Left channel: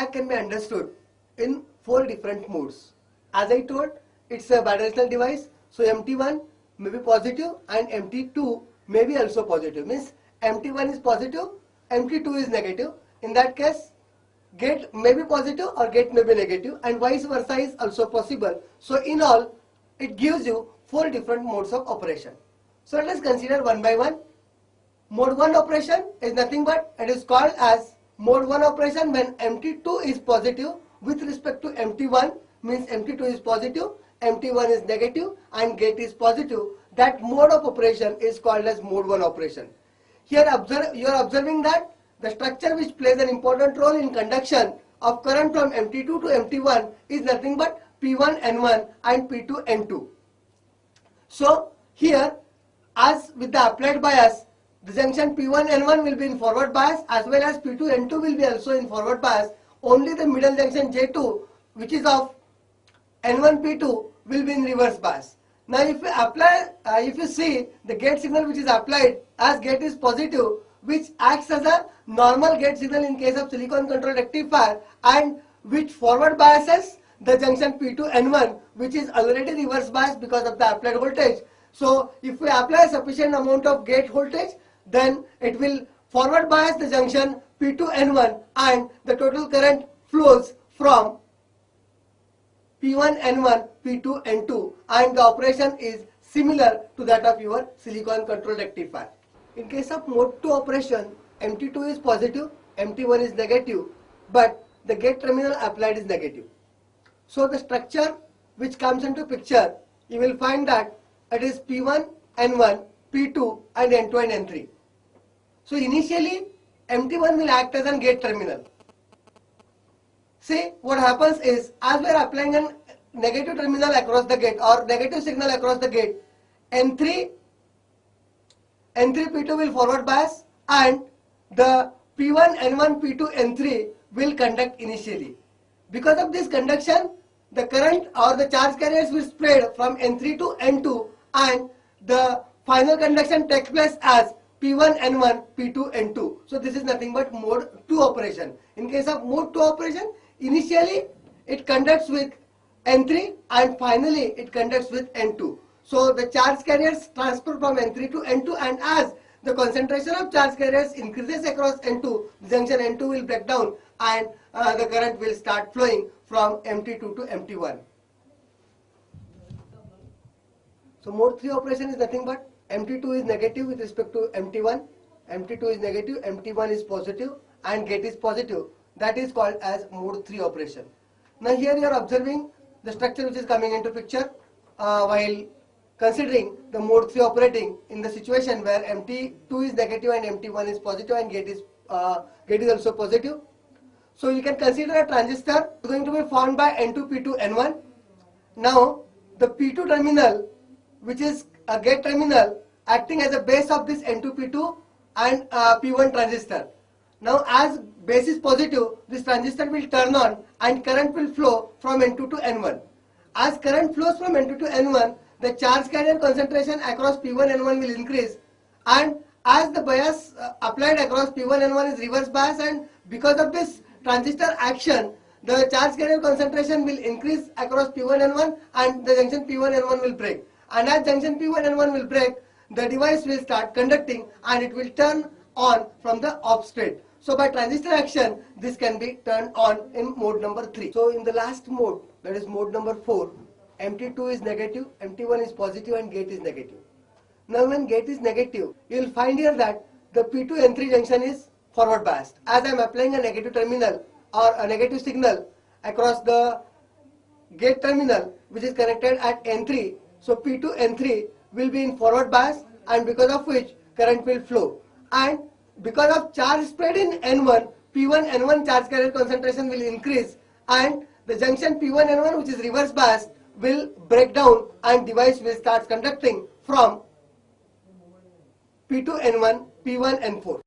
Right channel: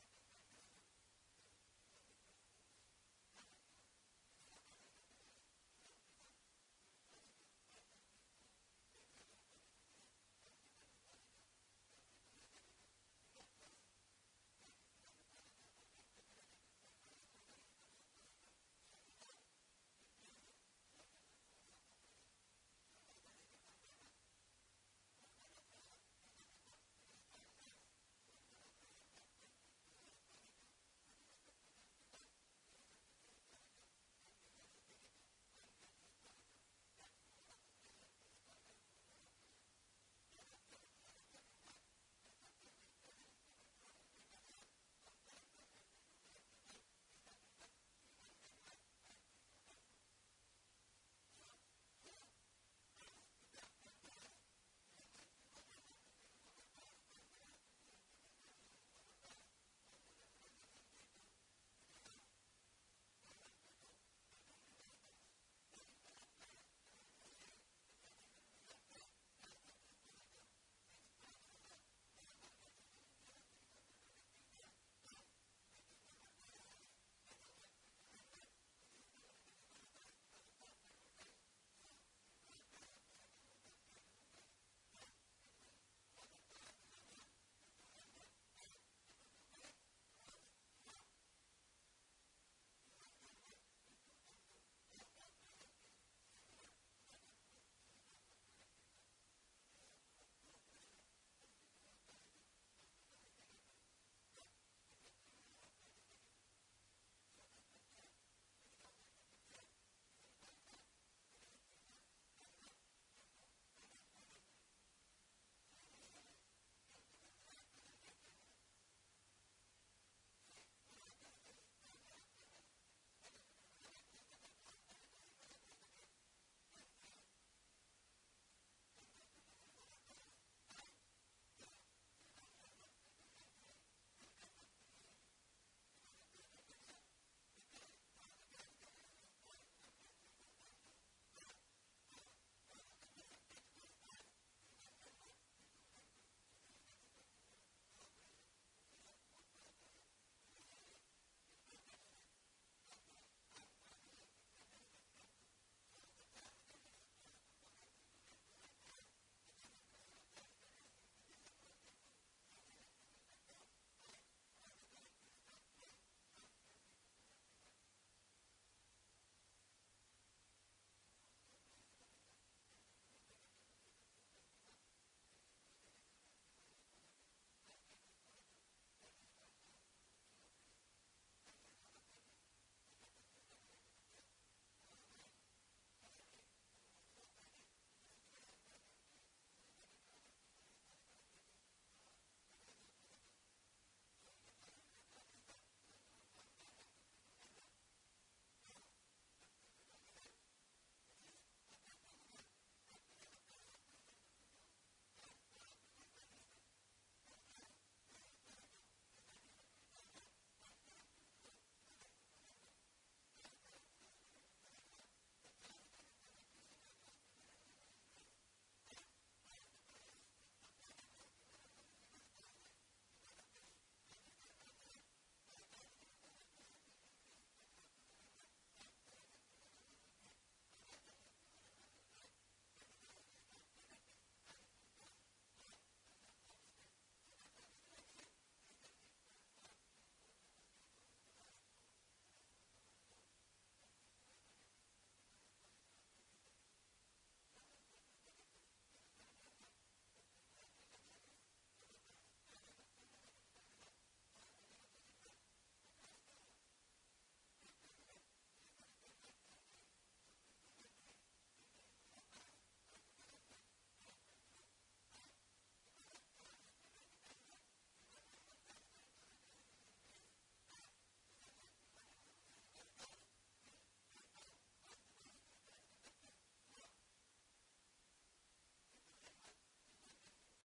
diag can be understood in 4 different modes. As I told, it's a bidirectional device, so MT1 may be positive and MT2 may be also positive. Means MT1 is positive, MT2 is negative. In that case, gate may be positive or gate may be negative, and vice versa is also possible. So in all, it gives you 4 different modes of operation. So let us consider one by one. Mode 1 operation is nothing but, it is called as mode 1 operation when MT2 is positive with respect to MT1, means MT2 is positive, MT1 is negative and gate is positive. That mode of operation is called as mode 1 operation. Here you are observing that the structure which plays an important role in conduction of current from MT2 to MT1 is nothing but P1N1 and P2N2. So here, as with the applied bias, the junction P1N1 will be in forward bias as well as P2N2 will be also in forward bias. Only the middle junction J2, which is of N1P2, will be in reverse bias. Now if you see the gate signal which is applied, as gate is positive, which acts as a normal gate signal in case of silicon controlled rectifier, and which forward biases the junction P2N1, which is already reverse bias because of the applied voltage. So if we apply a sufficient amount of gate voltage, then it will forward bias the junction P2N1 and the total current flows from P1N1, P2N2, and the operation is similar to that of your silicon controlled rectifier. In case of mode 2 operation, MT2 is positive, MT1 is negative, but the gate terminal applied is negative. So the structure which comes into picture, you will find that it is P1, N1, P2 and N2 and N3. So initially MT1 will act as a gate terminal. See, what happens is, as we are applying a negative terminal across the gate or negative signal across the gate, N3 P2 will forward bias and the P1, N1, P2, N3 will conduct initially. Because of this conduction, the current or the charge carriers will spread from N3 to N2 and the final conduction takes place as P1, N1, P2, N2. So this is nothing but mode 2 operation. In case of mode 2 operation, initially it conducts with N3 and finally it conducts with N2. So the charge carriers transfer from N3 to N2, and as the concentration of charge carriers increases across N2, the junction N2 will break down and the current will start flowing from MT2 to MT1. So mode 3 operation is nothing but MT2 is negative with respect to MT1, MT2 is negative, MT1 is positive and gate is positive. That is called as mode 3 operation. Now here you are observing the structure which is coming into picture while considering the mode 3 operating in the situation where MT2 is negative and MT1 is positive and gate is also positive. So you can consider a transistor going to be formed by N2, P2, N1. Now the P2 terminal, which is a gate terminal, acting as a base of this N2, P2 and P1 transistor. Now as base is positive, this transistor will turn on and current will flow from N2 to N1. As current flows from N2 to N1, the charge carrier concentration across P1, N1 will increase, and as the bias applied across P1, N1 is reverse bias, and because of this transistor action, the charge carrier concentration will increase across P1, N1 and the junction P1, N1 will break. And as junction P1, N1 will break, the device will start conducting and it will turn on from the off state. So by transistor action, this can be turned on in mode number 3. So in the last mode, that is mode number 4, MT2 is negative, MT1 is positive and gate is negative. Now when gate is negative, you will find here that the P2N3 junction is forward biased. As I am applying a negative terminal or a negative signal across the gate terminal which is connected at N3, so P2N3 will be in forward bias, and because of which current will flow. And because of charge spread in N1, P1, N1 charge carrier concentration will increase and the junction P1, N1 which is reverse bias will break down and device will start conducting from P2, N1, P1, N4.